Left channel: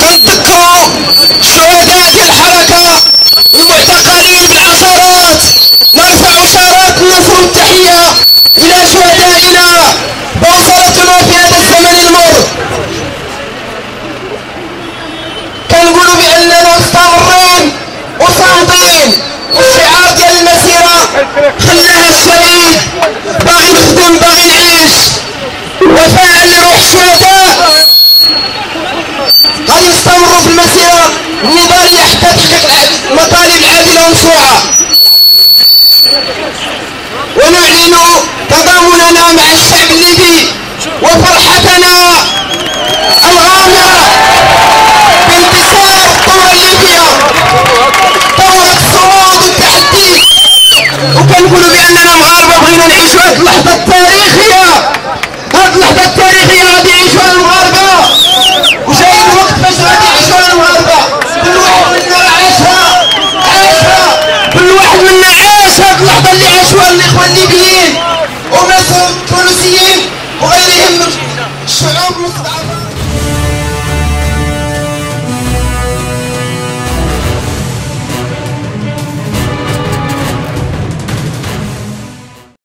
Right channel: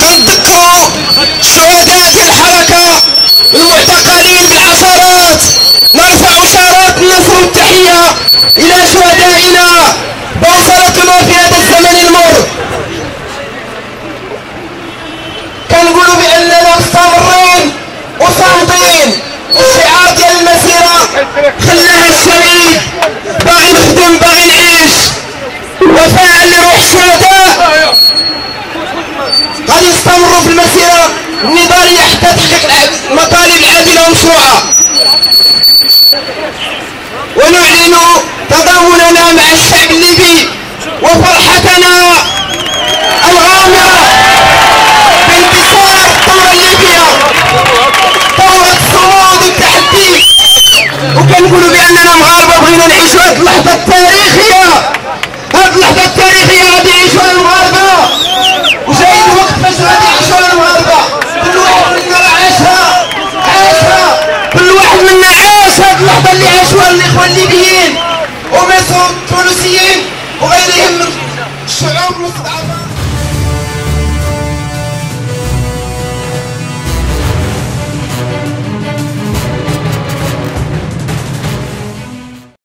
كنذكروا شهداء الحركة المعتقلين بالعصارات. نرفع شارات النصر والتحية إلى شهدائنا بوصلتنا في هذا الزمن المر. كنقولوا بأننا مستمرين وصامدين، والشعار ديال المسيرة خلاها الشهيد باغي نخدم باغي نعيش وفاء لروح الشهداء. غادي نستمروا في المسيرة النضالية حتى تحقيق المطالب العادلة والمشروعة، ونعلن تضامننا مع الشعب الليبي وفرحتنا الغامرة بانتصار الثورة الليبية، ثورة الصمود والتحدي. وكنقولوا بأننا مغاربة بغينا نعيشوا هذه اللحظة الثانية